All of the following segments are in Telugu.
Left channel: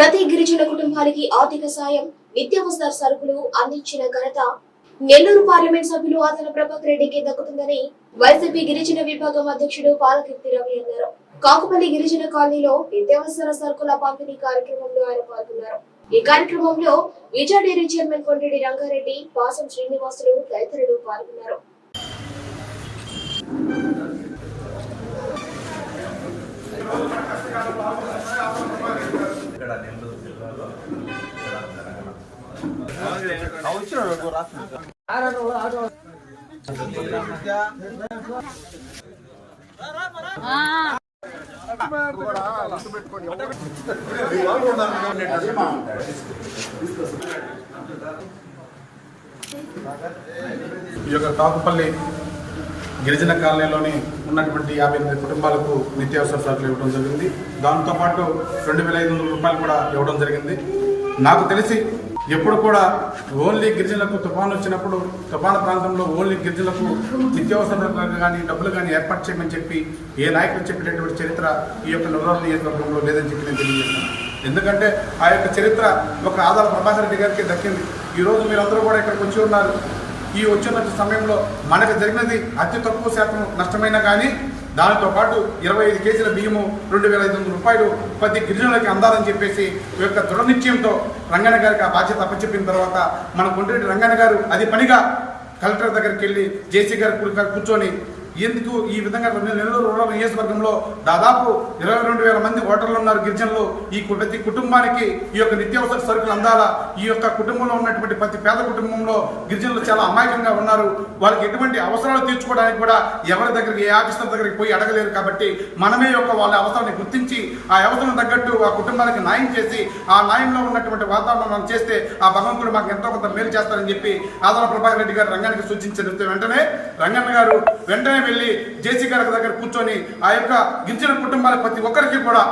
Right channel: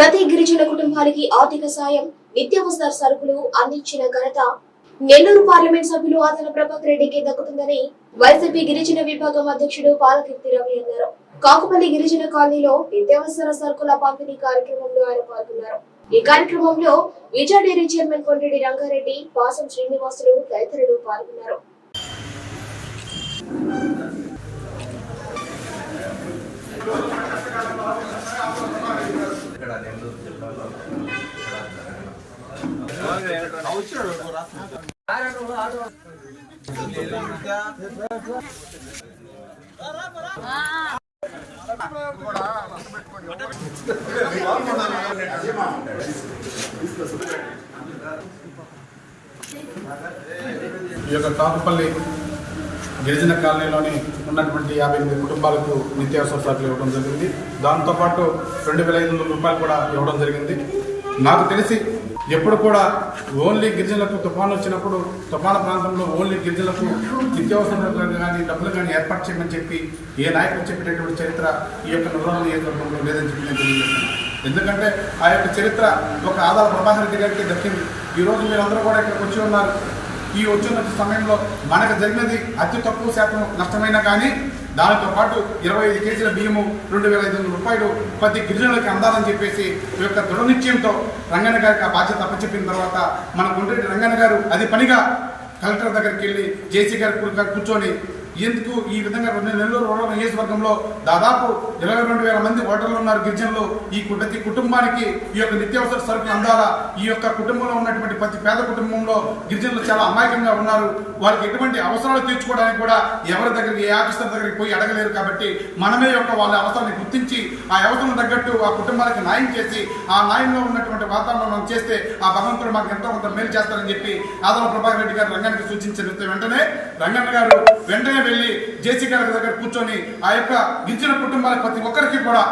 ప్రతి గిరిజన కుటుంబానికి ఆర్థిక సాయం నిత్యావసర సరుకులు అందించిన ఘనత నెల్లూరు పార్లమెంట్ సభ్యులు ఆదన ప్రభాకర్ రెడ్డికి దక్కుతుందని వైసీపీ గిరిజన విభాగం అధ్యక్షుడు పాలకీర్తి రవి అన్నారు. కాకుపల్లి గిరిజన కాలనీలో నిత్యావసర సరుకుల పంపిణీ కార్యక్రమంలో ఆయన పాల్గొన్నారు. ఈ కార్యక్రమంలో విజయ డైరీ చైర్మన్ కొండ్రెడ్డి రంగారెడ్డి పాసం శ్రీనివాసులు తదితరులు పాల్గొన్నారు. ఇక్కడ నెల్లూరు జిల్లాలో ఇక్కడ ఈ యొక్క కాకుపల్లి గిరిజన కాలనీలోని ఉన్నటువంటి యాభై ఎనిమిది కుటుంబాలకు నిత్యావసర సరుకులు ఇవ్వడం జరిగింది. దాంతోపాటు రెండు వేల ఐదు వందల రూపాయలు కూడా ఇవ్వడం జరిగింది. నాకు తెలిసి ఎప్పుడు కూడా ఓన్లీ గిరిజనులకు తుఫాను వచ్చినప్పుడు తుఫాను ప్రాంతంలో ఓన్లీ గిరిజనులకు నిత్యావసరాలు కానీ డబ్బులు కానీ ఏర్పాటు చేయమని చెప్పి ఏ నాయకులు చెప్పేటటువంటి చరిత్ర ఈ యొక్క నగరం నియోజకవర్గంలో లేదని చెప్పి నేను తెలియజేస్తున్నాను. ఎందుకంటే ఆ యొక్క చరిత్ర ఒక ఆదాల ప్రభాకర్ రెడ్డి గారికి దక్కింది. ఈరోజు మీరందరూ కూడా ఇక్కడికి వచ్చి ఉన్నారు. ఈ వచ్చిన సమయంలో మనకు జరిగినది అతి తక్కువ శాతం నష్టమైనా కానీ దానితో పాటు ఇరవై ఐదు కేజీల బియ్యము రెండు వేల ఐదు వందల రూపాయలు ప్రతి గిరిజనులకి అందాలని చెప్పేసి ఈ యొక్క దృఢ నిశ్చయంతో రంగన్న గారికి ఆ బాధ్యత అప్పచెప్పిన తర్వాత మన గుండ్రెడ్డి రంగన్న గారు అది పనిగా కలెక్టర్ దగ్గరికి వెళ్ళి జేసీ గారు కూర్చొని ఎందుకు ఈ విధంగా రెండు నెలలు రూరల్ నియోజకవర్గంలో దాదాపు ఇరవై రెండు వేల మంది ఓటర్లు ఉన్నారు గిరిజనులు? ఈ ప్రతి కుటుంబానికి ఈ యొక్క నిత్యావసర సరుకులు అందాలా? ఈ యొక్క కుటుంబంలో ఉన్నటువంటి ప్రతి పేద కుటుంబంలో గిరిజనులు చాలా అమాయకంగా ఉన్నారు. వాళ్ళకి ఎటువంటి అవసరాలు తీర్చుకోవడానికి కూడా ఎవరి దగ్గరికి ఏ ఆఫీసర్ దగ్గరికి పోయి అడగలేరు కాబట్టి మనమే యొక్క వాళ్ళ అవసరాన్ని గుర్తించి ఆ అవసరం తగ్గట్టు ఆ కుటుంబానికి న్యాయం చేసి ఆ న్యాయంలో ఉన్నటువంటి వాతావరణం చేస్తే ఆ భగవంతుడు మాకు ఎంతో కొంత మేలు చేస్తారని చెప్పి ఆదరణ ప్రభాకర్ రెడ్డి గారు రంగానికి సూచించిన వెంటనే రంగన్న గారు వెంటనే వెళ్ళి జేసీ గారి దగ్గర కూర్చొని ఆ యొక్క గిరిజన కుటుంబాల ప్రతి ఒక్కరికి కూడా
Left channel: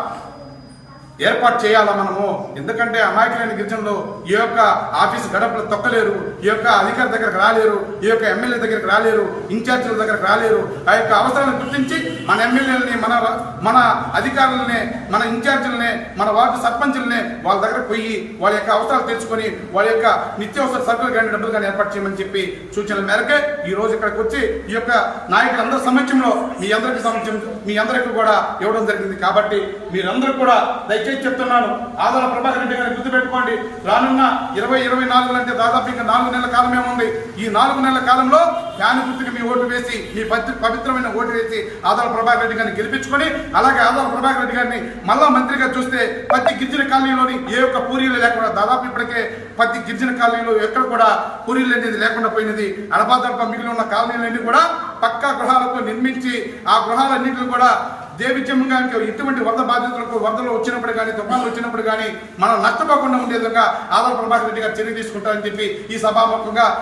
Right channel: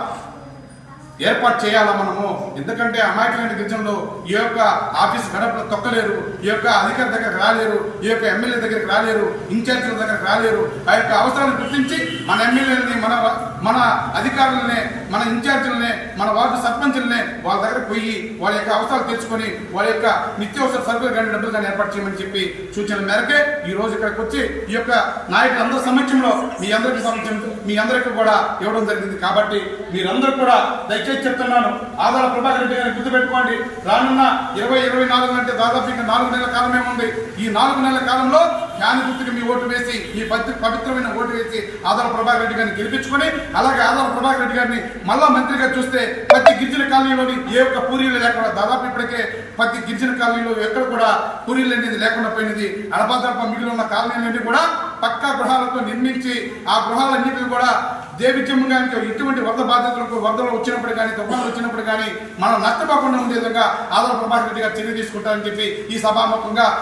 ఏర్పాటు చేయాలా మనము? ఎందుకంటే అమాయకులైన గిరిజనులు ఈ యొక్క ఆఫీస్ గడపలు తొక్కలేరు ఈ యొక్క అధికారి దగ్గరకు రాలేరు ఈ యొక్క ఎమ్మెల్యే దగ్గరకు రాలేరు ఇన్ఛార్జీల దగ్గరకు రాలేరు. ఆ యొక్క అవసరాన్ని గుర్తించి మన ఎమ్మెల్యేలని మన మన అధికారులని మన ఇన్ఛార్జీలనే మన వార్డు సర్పంచులనే వాళ్ళ దగ్గరకు పోయి వాళ్ళ యొక్క అవసరాలు తెచ్చుకొని వాళ్ళ యొక్క నిత్యావసర సరుకులు కానీ డబ్బులు కానీ ఏర్పాటు చేయమని చెప్పి సూచనల మేరకే ఈ రోజు ఇక్కడికి వచ్చి ఈ యొక్క నాయకులందరి సమక్షంలో మీ అందరికి సమక్షం మీ అందరికీ కూడా ఇవ్వడం జరిగింది. కాబట్టి మీరందరూ కూడా దయచేసి చెప్తున్నాను. ఆదాల ప్రభాకర్ రెడ్డి గారిని గుర్తుపెట్టుకోండి. రానున్న ఇరవై ఇరవై నాలుగు అంటే దాదాపు ఇంకా నాలుగు నెలల కాలమే ఉంది. ఈ నాలుగు నెలల కాలంలో ఫ్యాన్ మీ ఓటు వేసి ఈ పవిత్రమైన ఓటు వేసి ఆదాల ప్రభాకర్ రెడ్డి గారిని గెలిపించుకొని అలాగే ఆదాల ప్రభాకర్ రెడ్డి గారిని మళ్ళా మంత్రిగా చూస్తే ప్రతి గిరిజన కాలనీలోని ఏ ఒక్క పూరీలు లేకుండా దాదాపు ఇప్పటికే ప్రతి గిరిజన కాలనీలో ఎక్కడ కూడా పూరీలు అనేది లేకుండా పోయినది. అడపాదడప మిగిలి ఉన్న కాలనీలన్నీ కూడా పక్కా గృహాలతో నిర్మించి ఆ గృహాలన్నింటిని కూడా దేవిత్యమంగానికి ఇటువంటి వరద బాధితులకు వరదలు వచ్చినప్పుడు కానీ తుఫాన్లు వచ్చినప్పుడు కానీ మనం నష్టపోకుండా ఉండే విధంగా ఆదరణ ప్రభాకర్ రెడ్డి గారు చర్య తీసుకుంటారని చెప్పి ఈ సభాముఖంగా